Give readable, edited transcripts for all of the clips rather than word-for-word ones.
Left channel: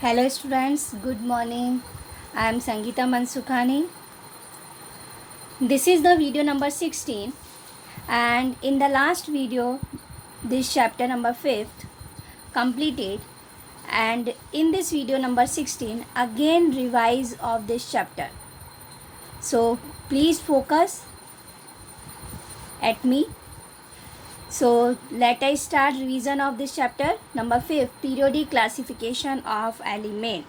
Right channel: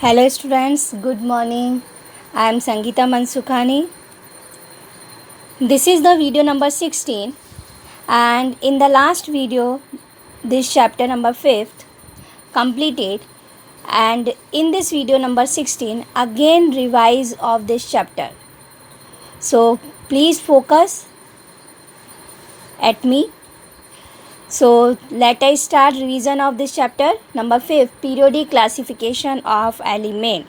Hello students, good morning. I am Sangeeta Mansukhani. This is the video number 16, and in the last video this chapter number 5th completed, and in this video number 16 again revise of this chapter. So please focus at me. So let us start revision of this chapter number 5, periodic classification of element.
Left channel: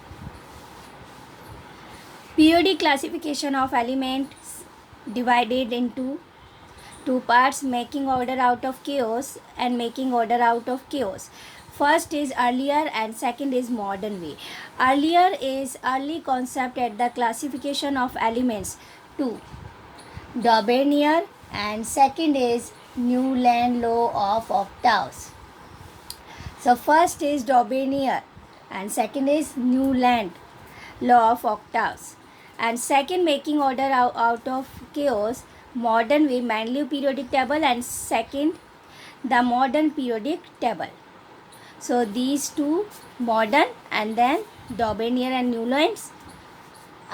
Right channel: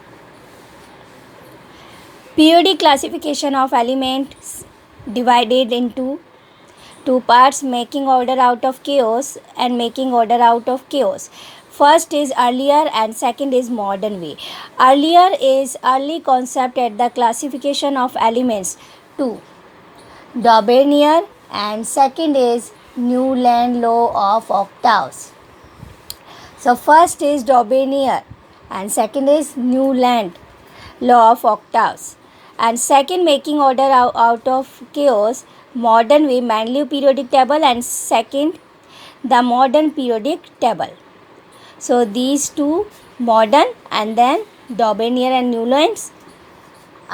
Periodic classification of elements divided into two parts, making order out of chaos and making order out of chaos. First is earlier and second is modern way. Earlier is early concept at the classification of elements. 2. Daubenier, and second is Newland law of octaves. So first is Daubenier and second is Newland law of octaves, and second making order out of chaos, modern way, Mendeleev periodic table, and second the modern periodic table. So these two modern and then Daubenier and Newland's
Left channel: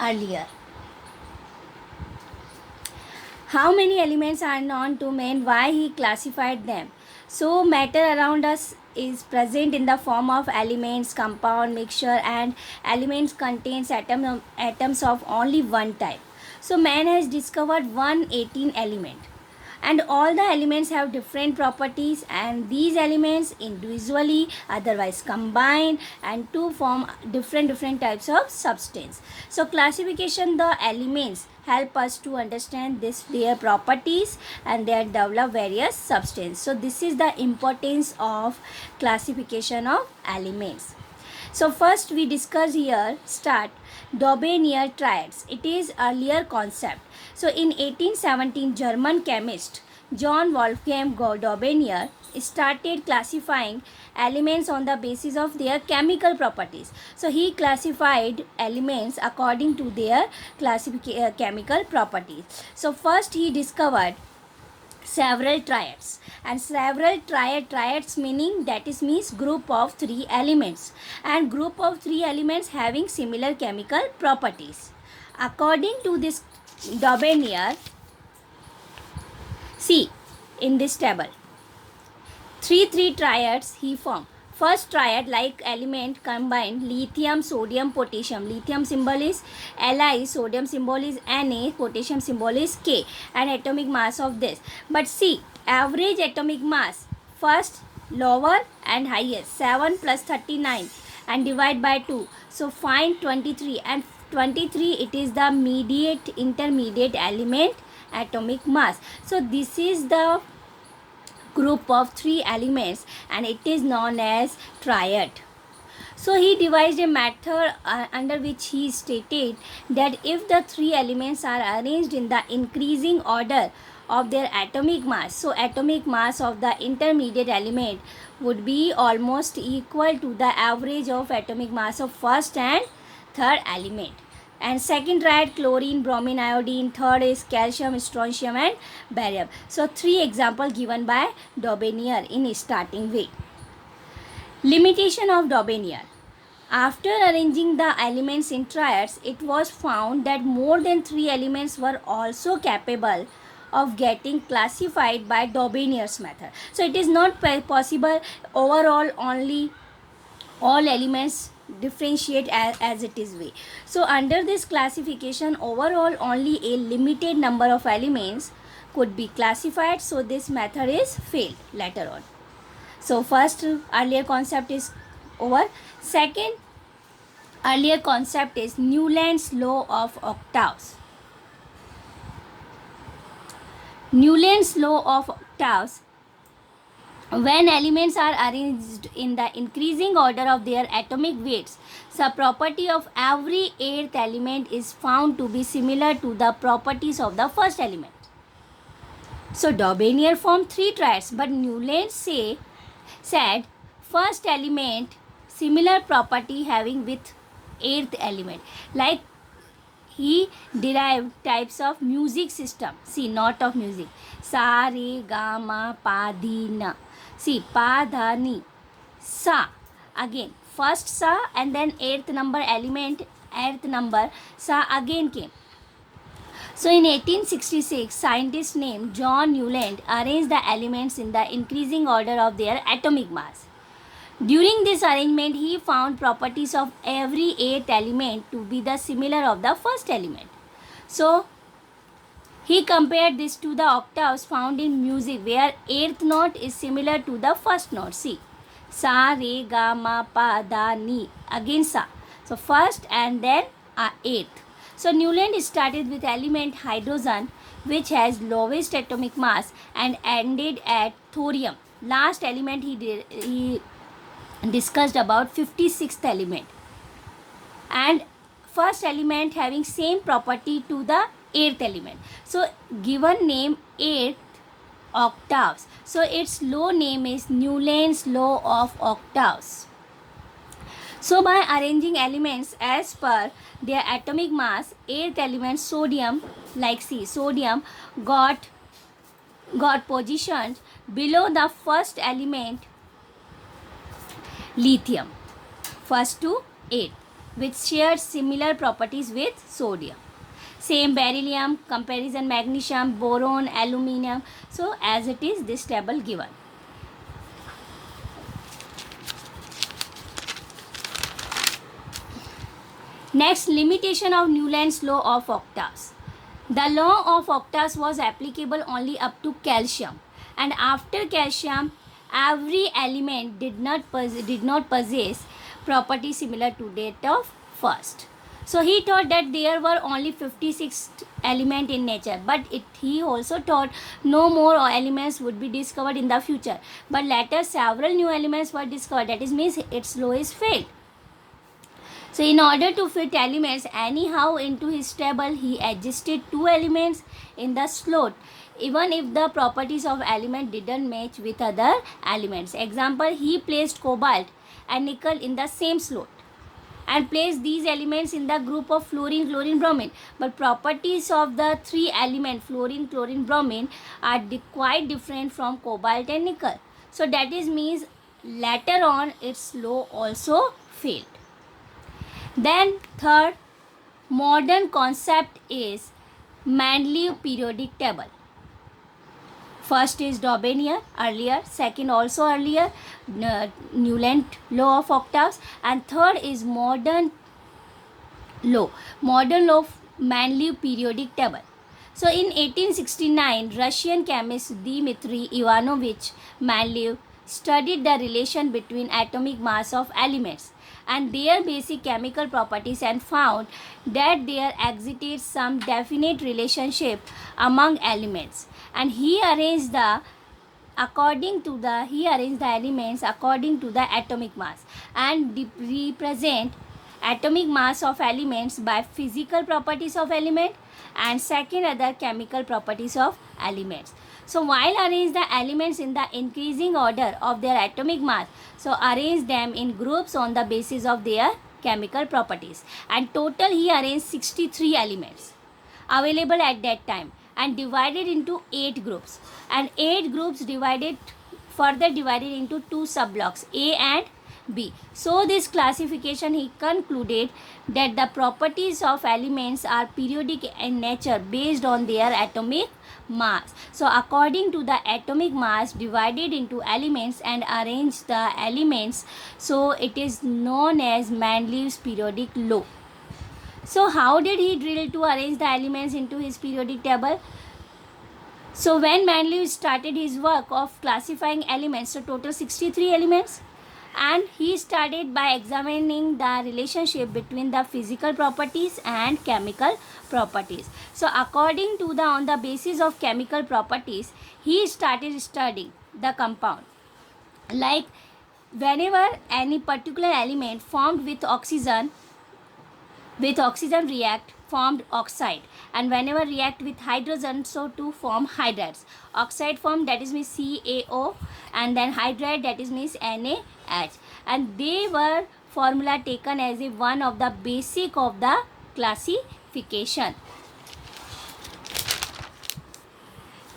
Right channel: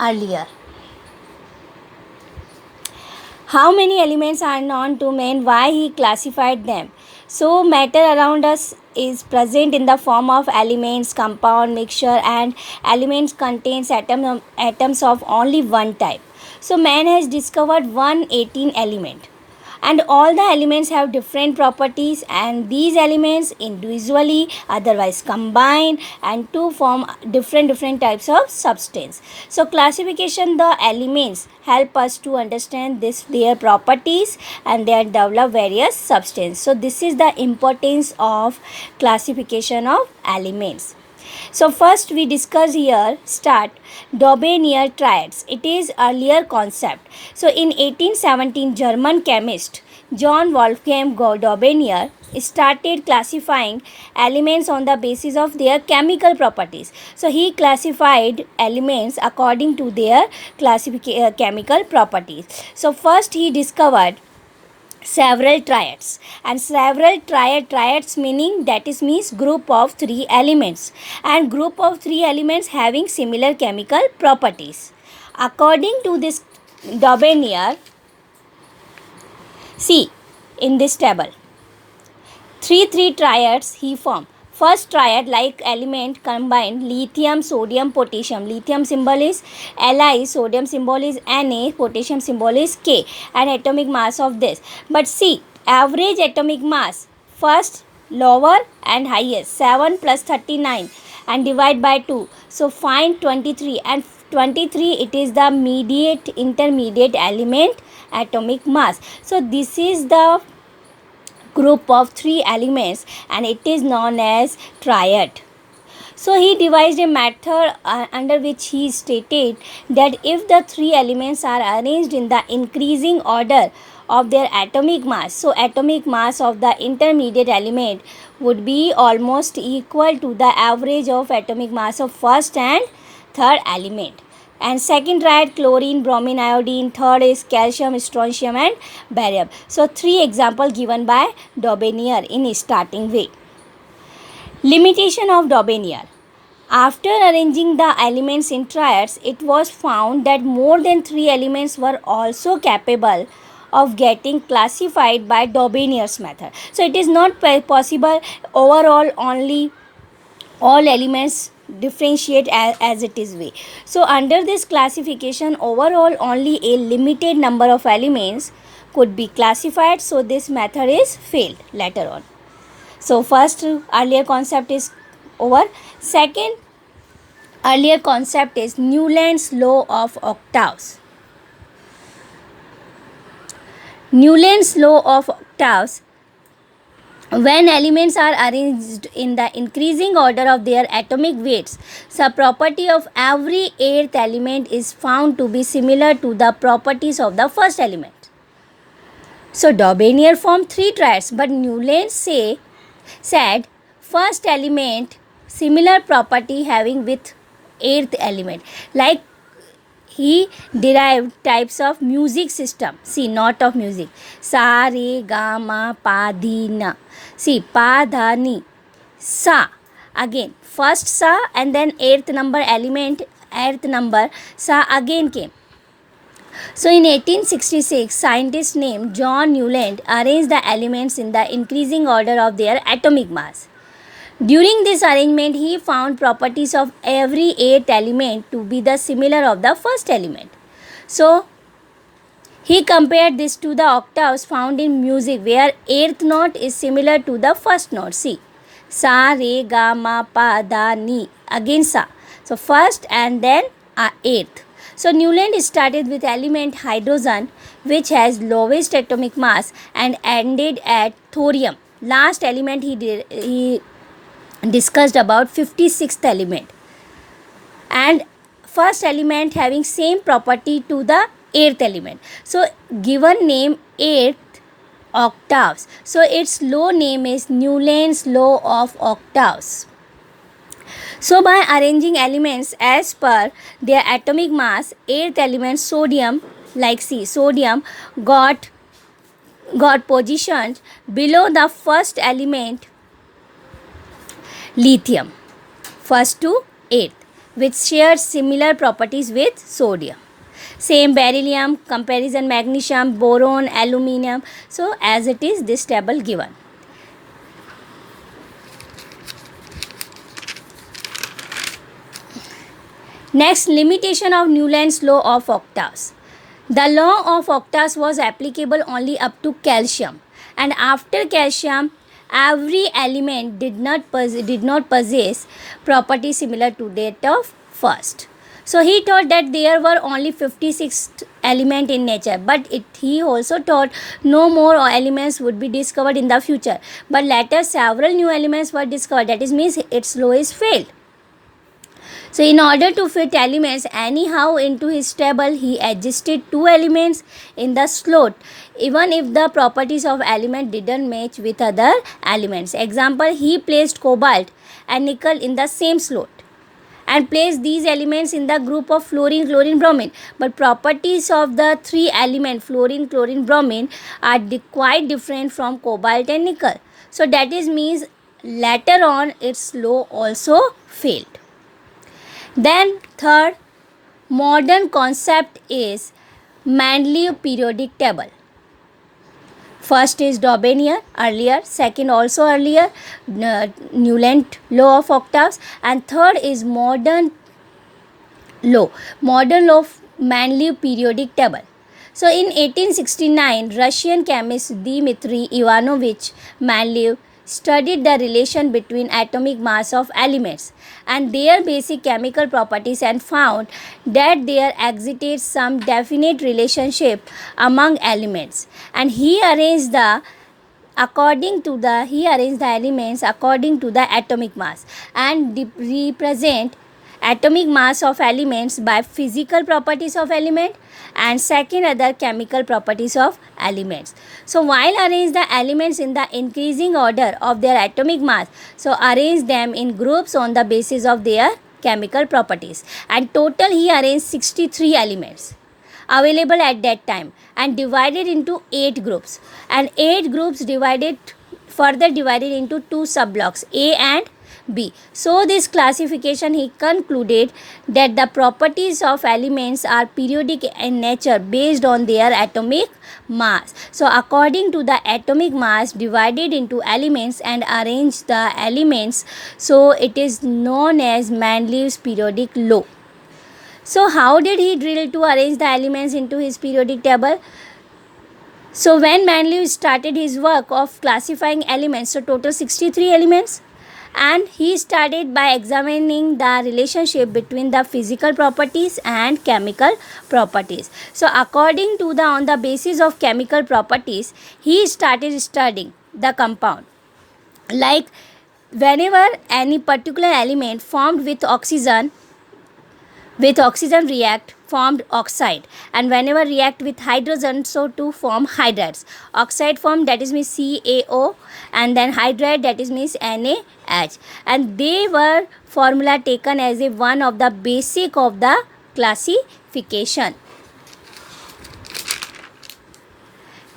earlier. How many elements are known to man? Why he classified them? So matter around us is present in the form of elements, compound, mixture, and elements contains atoms of only one type. So man has discovered 118 element, and all the elements have different properties, and these elements individually otherwise combine and to form different types of substance. So classification the elements help us to understand their properties and they develop various substance. So this is the importance of classification of elements. So first we discuss here start Daubenier triads. It is earlier concept. So in 1817 German chemist John Wolfgang Daubenier started classifying elements on the basis of their chemical properties. So he classified elements according to their chemical properties. So first he discovered several triads, and several triads meaning that is means group of three elements, and group of three elements having similar chemical properties. According to this Daubenier, see in this table three triads he formed. First triad, like element combined lithium, sodium, potassium. Lithium symbol is Li, sodium symbol is Na, potassium symbol is K, and atomic mass of this. But see, average atomic mass, first lower and highest, 7 plus 39 and divide by 2. So find 23, and 23 it is the intermediate element atomic mass. So this is the group of three elements and it is known as triad. So he devised a method under which he stated that if the three elements are arranged in the increasing order of their atomic mass, so atomic mass of the intermediate element would be almost equal to the average of atomic mass of first and third element. And second triad, chlorine, bromine, iodine. Third is calcium, strontium, and barium. So three examples given by Daubenier in starting way. Limitation of Daubenier. After arranging the elements in triads, it was found that more than three elements were also capable of getting classified by Daubenier's method. So it is not possible overall only all elements differentiate as it is way. So under this classification, overall only a limited number of elements could be classified, so this method is failed later on. So first earlier concept is over. Second earlier concept is Newland's law of octaves. Newland's law of octaves, when elements are arranged in the increasing order of their atomic weights, the property of every eighth element is found to be similar to the properties of the first element. So Daubenier formed three triads, but Newland said first element similar property having with eighth element. Like he derived types of music system. See, note of music. Sa, re, ga, ma, pa, di, na. See, pa, dha, ni, sa. Again, first Sa and then eighth number Sa again came. So in 1866, scientist named John Newland arranged the elements in the increasing order of their atomic mass. During this arrangement, he found properties of every eighth element to be the similar of the first element. So he compared this to the octaves found in music, where eighth note is similar to the first note. See, Sa, Re, Ga, Ma, Pa, Da, Ni. Again Sa. So first and then eighth. So Newland started with element hydrogen, which has lowest atomic mass, and ended at thorium. Last element he discussed about 56th element, and first element having same property to the eighth element. So given name eighth octaves, so its law name is Newland's law of octaves. So by arranging elements as per their atomic mass, eighth element sodium, like see, sodium got positioned below the first element lithium, first to eighth, which shares similar properties with sodium. Same beryllium, comparison magnesium, boron, aluminium. So as it is this table given. Next, limitation of Newland's law of octaves. The law of octaves was applicable only up to calcium, and after calcium, every element did not possess property similar to that of first. So he thought that there were only 56 elements in nature, but he also thought no more elements would be discovered in the future. But later several new elements were discovered. That is means its law is failed. So in order to fit elements anyhow into his table, he adjusted two elements in the slot, even if the properties of element didn't match with other elements. Example, he placed cobalt and nickel in the same slot and placed these elements in the group of fluorine, chlorine, bromine. But properties of the three elements fluorine, chlorine, bromine are quite different from cobalt and nickel. So that is means later on its law also failed. Then third modern concept is Mendeleev periodic table. First is Dobenier, earlier. Second also earlier, Newland law of octaves. And third is modern law of Mendeleev periodic table. So in 1869, Russian chemist Dmitry Ivanovich Mendeleev studied the relation between atomic mass of elements and their basic chemical properties and found that there existed some definite relationship among elements, and he arranged the elements according to the atomic mass and represent atomic mass of elements by physical properties of element and second other chemical properties of elements. So while arrange the elements in the increasing order of their atomic mass, so arrange them in groups on the basis of their chemical properties, and total he arranged 63 elements available at that time and divided into 8 groups, and 8 groups further divided into 2 subblocks A and B. So this classification he concluded that the properties of elements are periodic in nature based on their atomic mass. So according to the atomic mass divided into elements and arrange the elements, so it is known as Mendeleev's periodic law. So how did he drill to arrange the elements into his periodic table? So when Mendeleev started his work of classifying elements, so total 63 elements, and he started by examining the relationship between the physical properties and chemical properties. So according to on the basis of chemical properties, he started studying the compound. Like whenever any particular element formed with oxygen react, formed oxide, and whenever react with hydrogen, so to form hydrides. Oxide form, that is means CaO, and then hydride, that is means NaH, and they were formula taken as a one of the basic of the classification.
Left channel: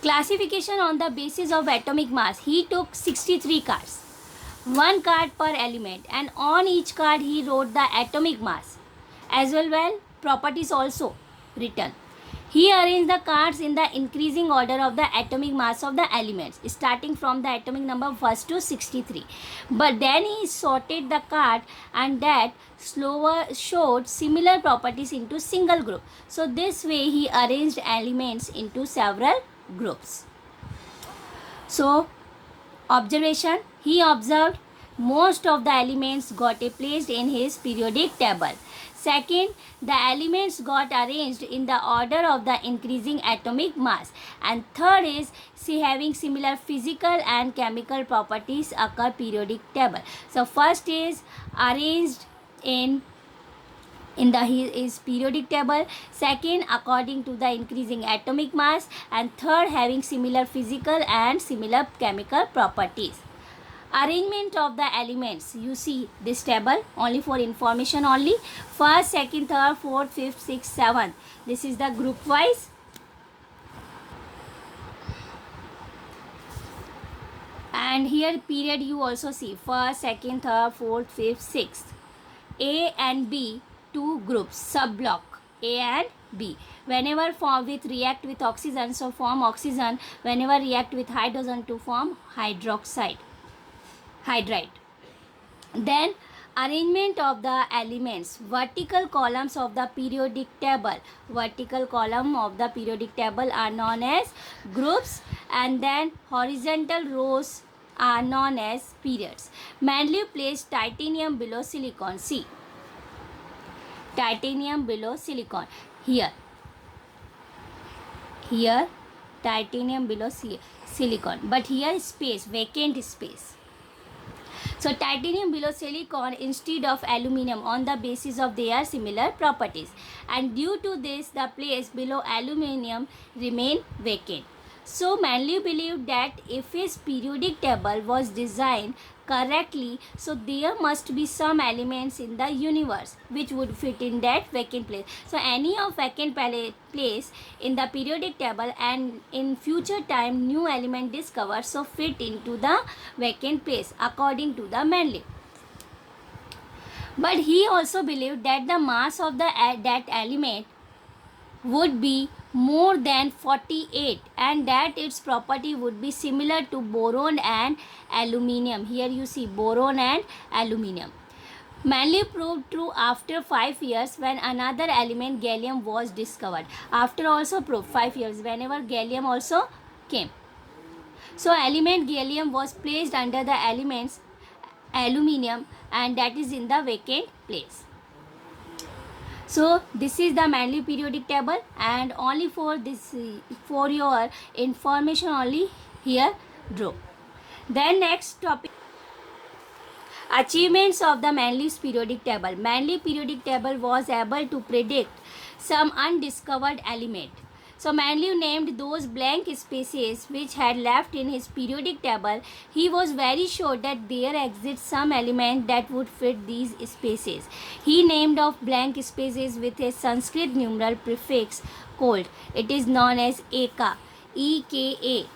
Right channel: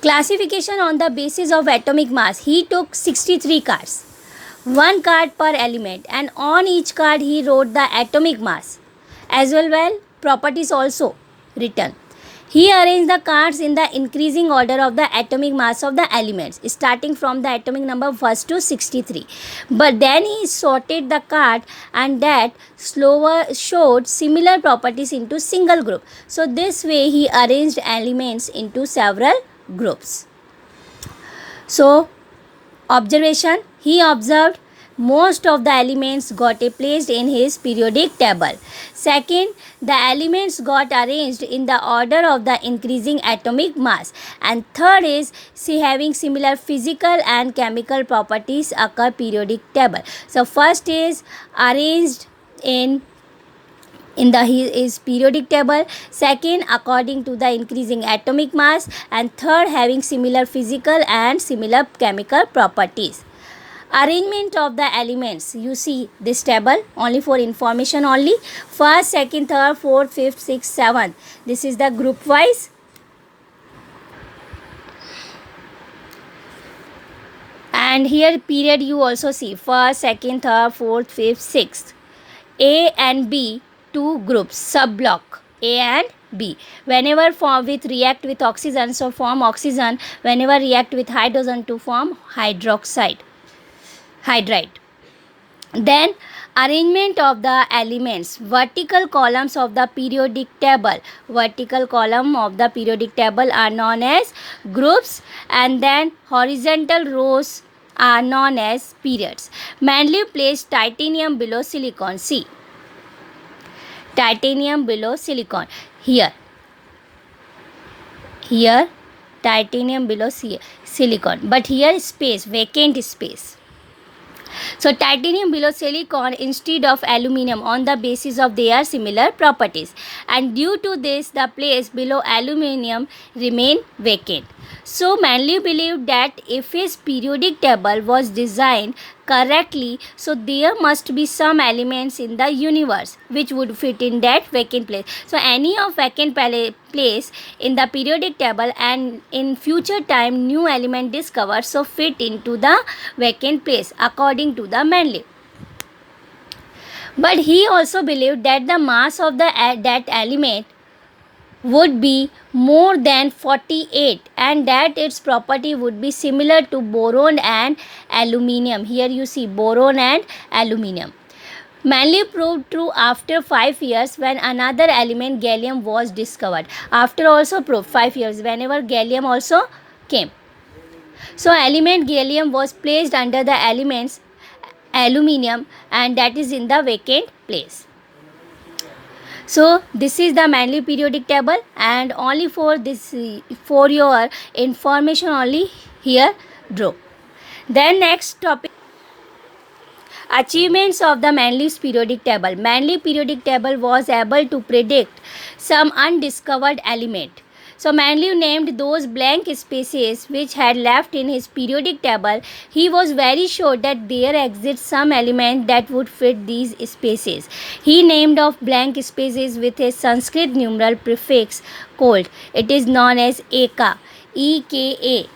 Classification on the basis of atomic mass. He took 63 cards. one card per element, and on each card he wrote the atomic mass as well properties also written. He arranged the cards in the increasing order of the atomic mass of the elements, starting from the atomic number 1 to 63. But then he sorted the card and that slower showed similar properties into single group. So this way he arranged elements into several groups. So observation, he observed most of the elements got placed in his periodic table. Second, the elements got arranged in the order of the increasing atomic mass. And third is, see, having similar physical and chemical properties occur periodic table. So first is arranged in his periodic table, second according to the increasing atomic mass, and third having similar physical and similar chemical properties. Arrangement of the elements, you see this table only for information only. First, second, third, fourth, fifth, sixth, seventh, this is the group wise. And here period you also see first, second, third, fourth, fifth, sixth. A and B, two groups, sub block A and B. Whenever form with react with oxygen, so form oxygen. Whenever react with hydrogen to form hydride. Then arrangement of the elements, vertical columns of the periodic table. Vertical column of the periodic table are known as groups, and then horizontal rows are known as periods. Mendeleev placed titanium below silicon. See, titanium below silicon. Here titanium below silicon, but here space, vacant space. So titanium below silicon instead of aluminum on the basis of their similar properties, and due to this the place below aluminum remain vacant. So Mendeleev believed that if his periodic table was designed correctly, so there must be some elements in the universe which would fit in that vacant place. So any of vacant place in the periodic table, and in future time new element discovered, so fit into the vacant place according to the Mendeleev. But he also believed that the mass of that element would be more than 48, and that its property would be similar to boron and aluminium. Here you see boron and aluminium. Mendeleev proved true after 5 years when another element, gallium, was discovered. After also proved 5 years whenever gallium also came. So element gallium was placed under the elements aluminium, and that is in the vacant place. So this is the Mendeleev periodic table, and only for this, for your information only here draw. Then next topic, achievements of the Mendeleev's periodic table. Mendeleev periodic table was able to predict some undiscovered element. So Mendeleev named those blank spaces which had left in his periodic table. He was very sure that there exists some element that would fit these spaces. He named off blank spaces with a Sanskrit numeral prefix called, it is known as Eka, E-K-A,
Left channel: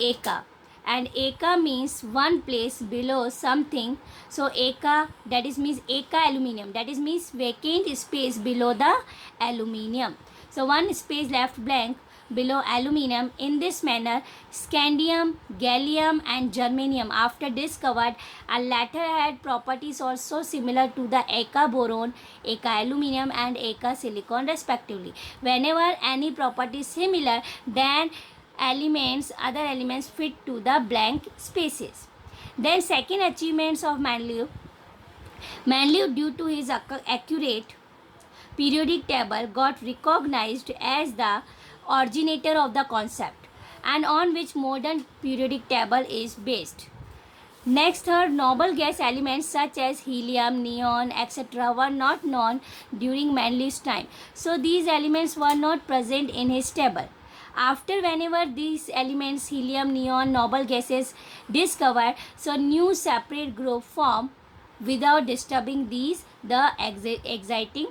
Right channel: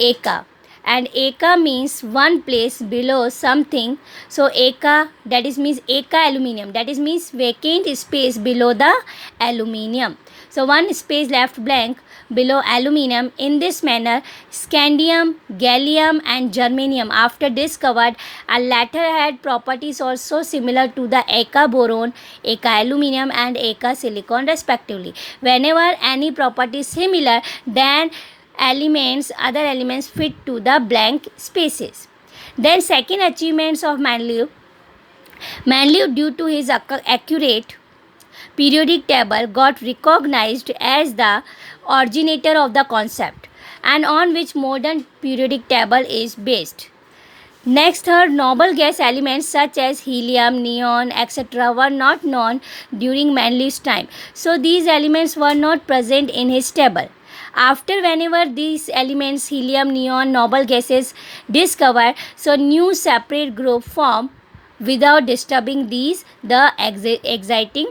Eka. And Eka means one place below something. So Eka, that is means Eka aluminium, that is means vacant space below the aluminium. So one space left blank below aluminium. In this manner, scandium, gallium and germanium after discovered, and latter had properties also similar to the Eka boron, Eka aluminium and Eka silicon respectively. Whenever any property is similar, then other elements fit to the blank spaces. Then second achievements of Mendeleev, due to his accurate periodic table, got recognized as the originator of the concept, and on which modern periodic table is based. Next, third, noble gas elements such as helium, neon, etc. were not known during Mendeleev's time. So these elements were not present in his table. After, whenever these elements, helium, neon, noble gases discovered, so new separate group form without disturbing the exiting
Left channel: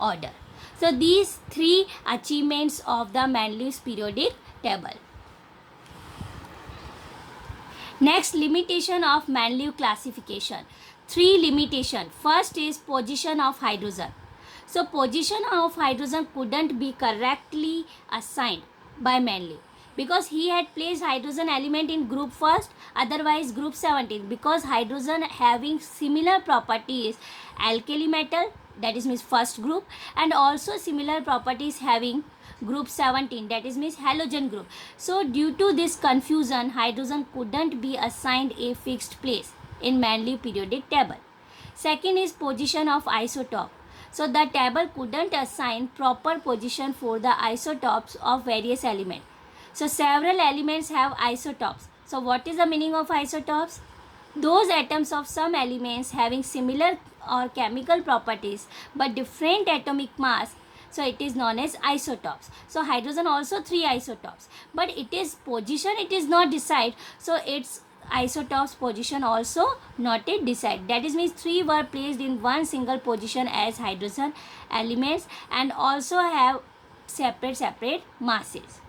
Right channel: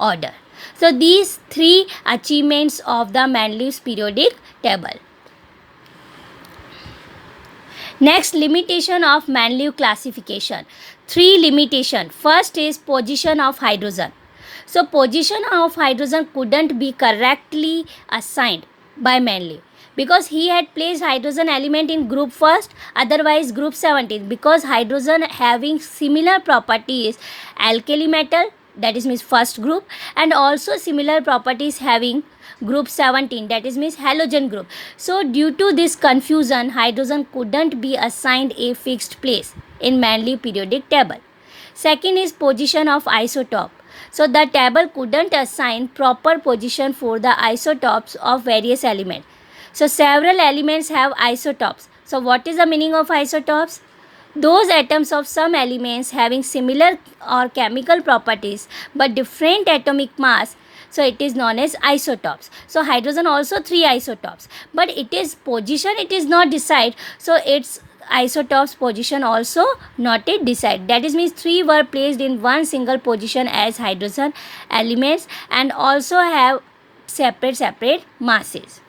order. So these three achievements of the Mendeleev's periodic table. Next, limitation of Manlius classification. 3 limitation. First is position of hydrogen. So position of hydrogen couldn't be correctly assigned by Manlius because he had placed hydrogen element in group first, otherwise group 17, because hydrogen having similar properties alkali metal, that is means first group, and also similar properties having group 17, that is means halogen group. So due to this confusion, hydrogen couldn't be assigned a fixed place in Manlius periodic table. Second is position of isotope. So the table couldn't assign proper position for the isotopes of various elements. So several elements have isotopes. So what is the meaning of isotopes? Those atoms of some elements having similar or chemical properties but different atomic mass, so it is known as isotopes. So hydrogen also 3 isotopes, but it is position, it is not decide, so its isotopes position also not yet decide. That is means 3 were placed in one single position as hydrogen elements and also have separate masses.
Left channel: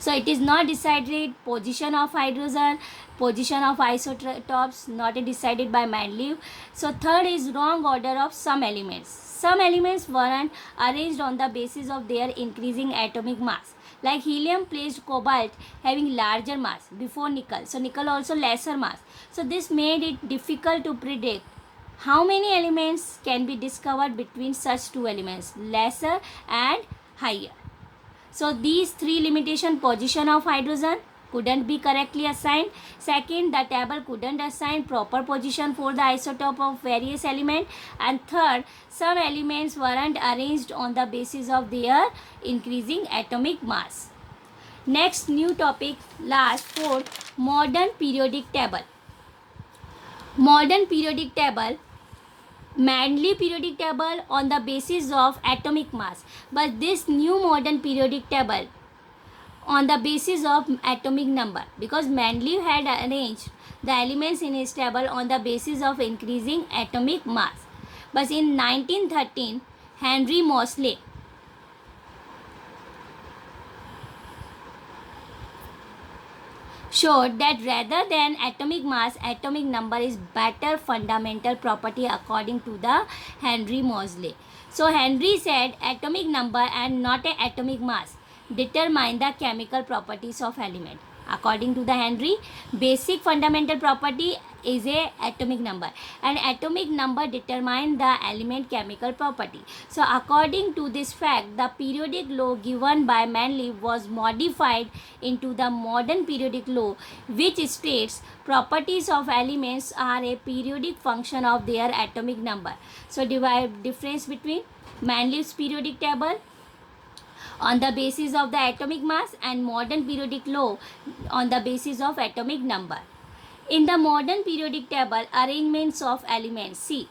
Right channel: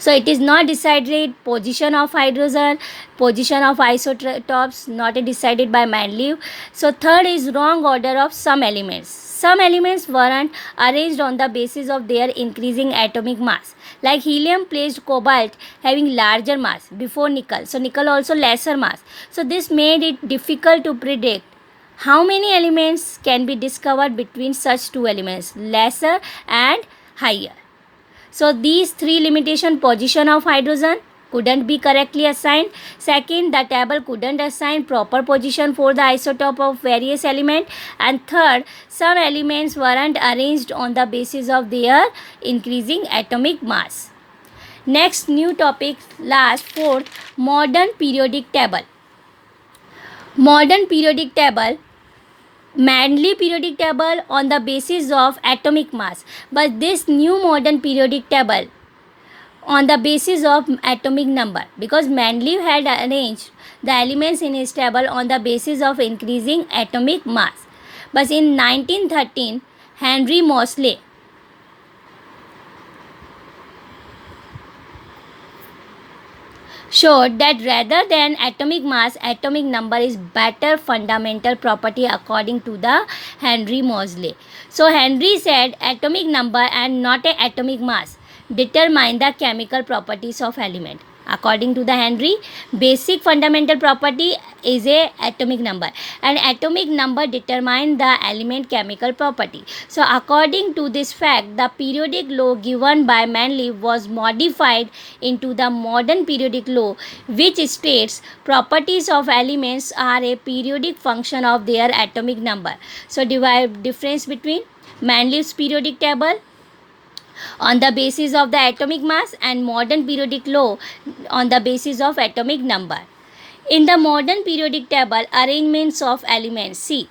So it is not decided position of hydrogen, position of isotopes not decided by Manlius. So third is wrong order of some elements. Some elements weren't arranged on the basis of their increasing atomic mass. Like helium placed cobalt having larger mass before nickel. So nickel also lesser mass. So this made it difficult to predict how many elements can be discovered between such two elements, lesser and higher. So these 3 limitation: position of hydrogen couldn't be correctly assigned. Second, the table couldn't assign proper position for the isotope of various elements. And third, some elements weren't arranged on the basis of their increasing atomic mass. Next new topic, last, fourth, modern periodic table. Modern periodic table, Manlius periodic table on the basis of atomic mass, but this new modern periodic table on the basis of atomic number, because Manlius had arranged the elements in his table on the basis of increasing atomic mass. But in 1913, Henry Moseley showed that rather than atomic mass, atomic number is better fundamental property according to the Henry Moseley. So Henry said atomic number and not a atomic mass determine the chemical properties of element. According to the Henry, basic fundamental property is a atomic number, and atomic number determine the element chemical property. So according to this fact, the periodic law given by Manlius was modified into the modern periodic law, which states properties of elements are a periodic function of their atomic number. So divide difference between Manlius periodic table on the basis of the atomic mass and modern periodic law on the basis of atomic number. In the modern periodic table, arrangements of elements: C.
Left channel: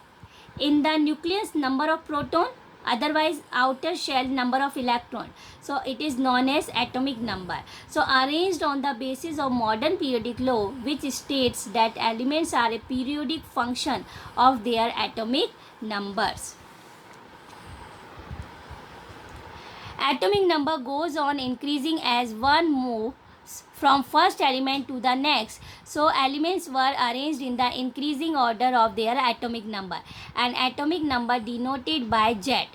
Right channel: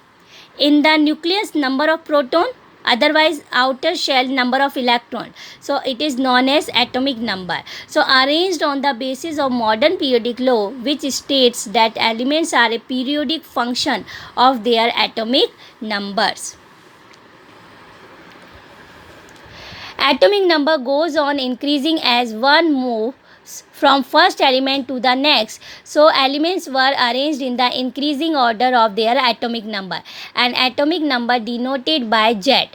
In the nucleus, number of proton, otherwise outer shell number of electron. So it is known as atomic number. So arranged on the basis of modern periodic law, which states that elements are a periodic function of their atomic numbers. Atomic number goes on increasing as one moves from first element to the next. So elements were arranged in the increasing order of their atomic number, and atomic number denoted by Z.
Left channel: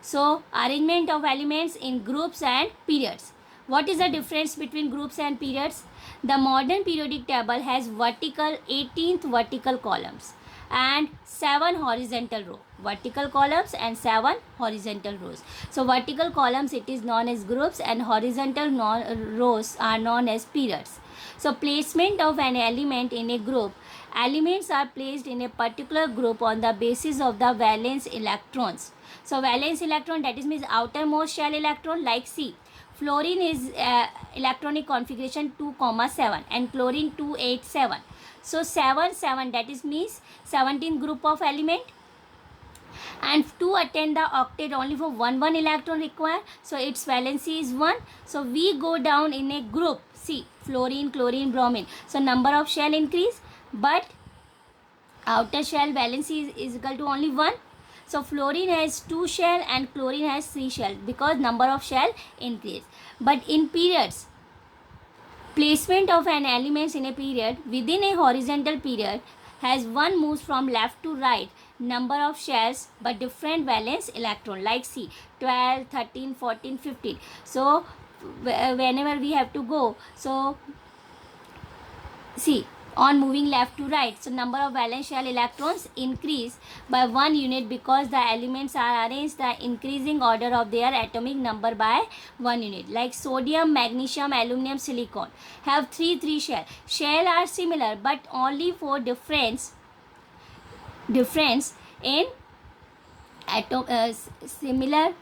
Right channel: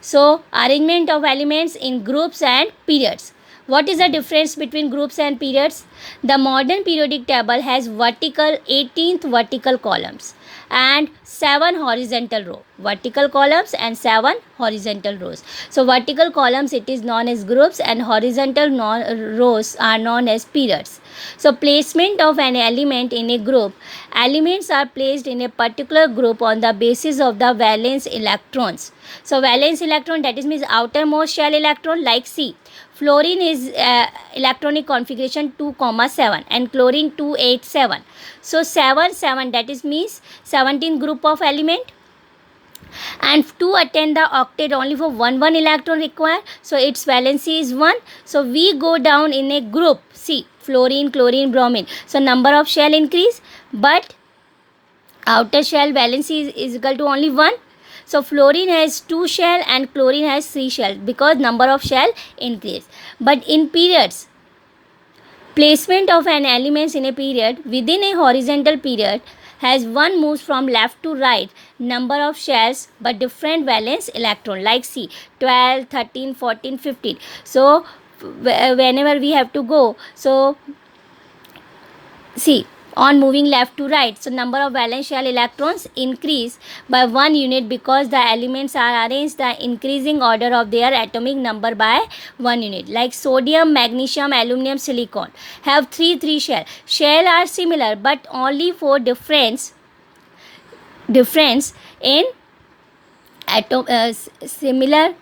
So arrangement of elements in groups and periods. What is the difference between groups and periods? The modern periodic table has vertical 18th vertical columns and 7 horizontal rows. Vertical columns and 7 horizontal rows. So vertical columns it is known as groups, and horizontal rows are known as periods. So placement of an element in a group. Elements are placed in a particular group on the basis of the valence electrons. So valence electron, that is means outermost shell electron, like C. Fluorine is electronic configuration 2,7 and chlorine 287. So 7 that is means 17 group of element, and to attend the octet only for one electron required, so its valency is 1. So we go down in a group C, fluorine, chlorine, bromine. So number of shell increase, but outer shell valency is equal to only 1. So fluorine has 2 shell and chlorine has 3 shell because number of shell increase. But in periods, Placement of an elements in a period within a horizontal period has one moves from left to right number of shells but different valence electron, like see 12, 13, 14, 15. So whenever we have to go, so see, on moving left to right, so number of valence shell electrons increase by 1 unit because the elements are arranged the increasing order of their atomic number by 1 unit. Like sodium, magnesium, aluminum, silicon have 3 shell. Shell are similar but only for difference in similar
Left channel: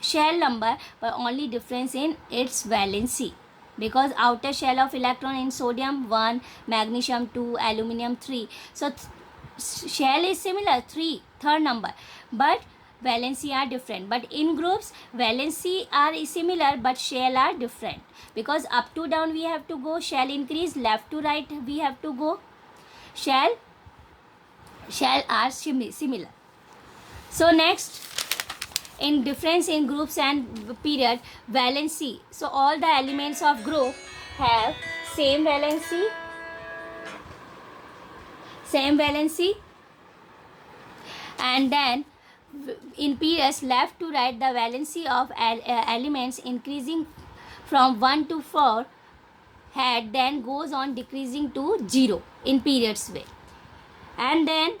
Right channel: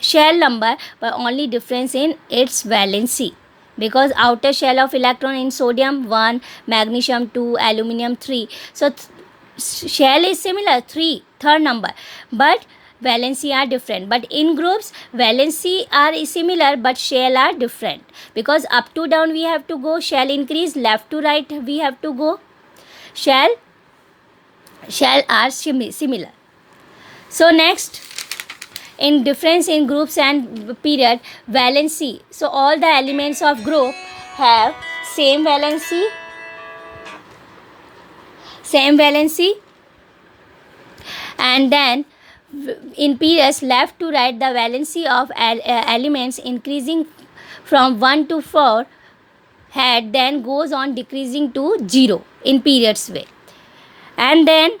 shell number but only difference in its valency, because outer shell of electron in sodium 1, magnesium 2, aluminum 3. So shell is similar 3, third number, but valency are different. But in groups valency are similar but shell are different, because up to down we have to go, shell increase, left to right we have to go, shell are similar. So next, in difference in groups and period, valency. So all the elements of group have same valency, and then in periods left to right the valency of elements increasing from 1 to 4 had then goes on decreasing to 0 in periods way. And then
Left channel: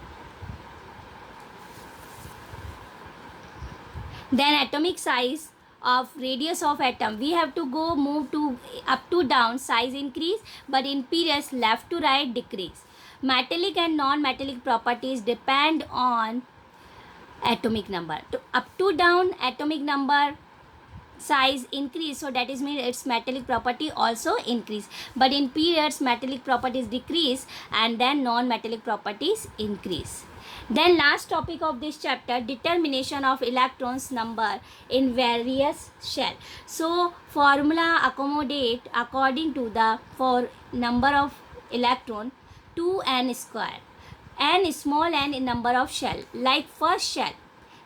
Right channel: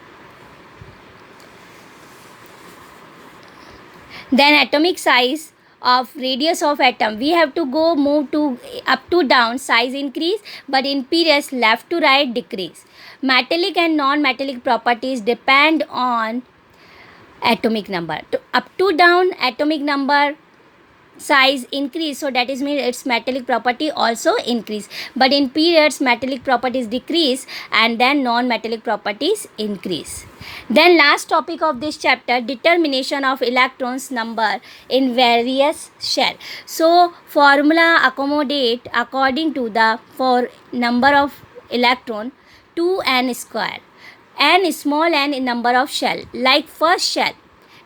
atomic size of radius of atom, we have to go move to up to down, size increase, but in periods left to right decrease. Metallic and non-metallic properties depend on atomic number. Up to down atomic number size increase, so that is mean its metallic property also increase, but in periods metallic properties decrease and then non-metallic properties increase. Then last topic of this chapter, determination of electrons number in various shell. So formula accommodate according to the for number of electron 2n square, n small n in number of shell, like first shell,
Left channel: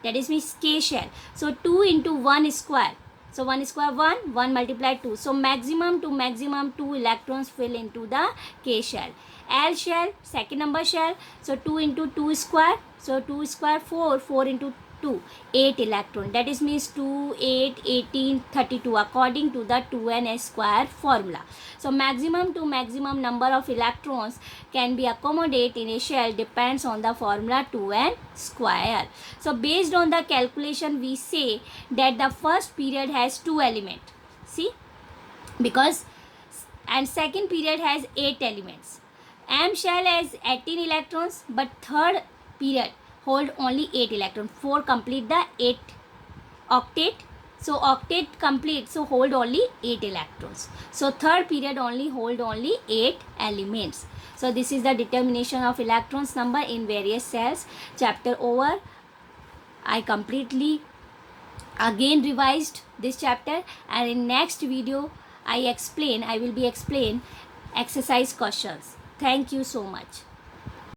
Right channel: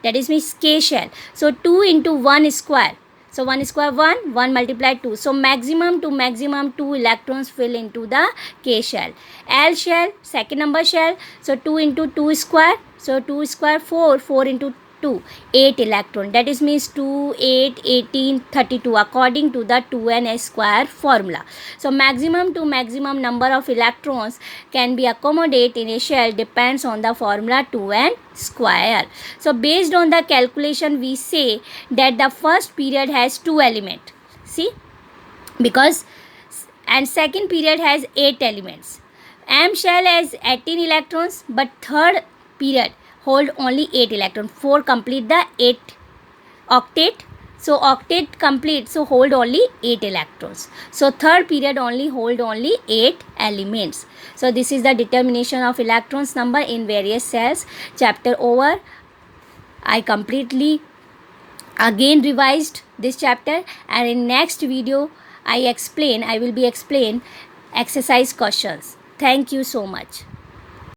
that is means k shell, so 2 into 1 square. So 1 square 1, 1 multiplied 2. So maximum to maximum 2 electrons fill into the K shell. L shell, second number shell. So 2 into 2 square. So 2 square 4, 4 into 2, 8 electron. That is means 2, 8, 18, 32 according to the 2n square formula. So maximum to maximum number of electrons can be accommodated in a shell depends on the formula 2n square. So based on the calculation we say that the first period has 2 elements. See, because and second period has 8 elements. M shell has 18 electrons but third period hold only 8 electrons. 4 complete the 8 octet. So octet complete, so hold only 8 electrons. So third period only hold only 8 elements. So this is the determination of electrons number in various cells. Chapter over. I completely again revised this chapter, and in next video I will be explain exercise questions. Thank you so much.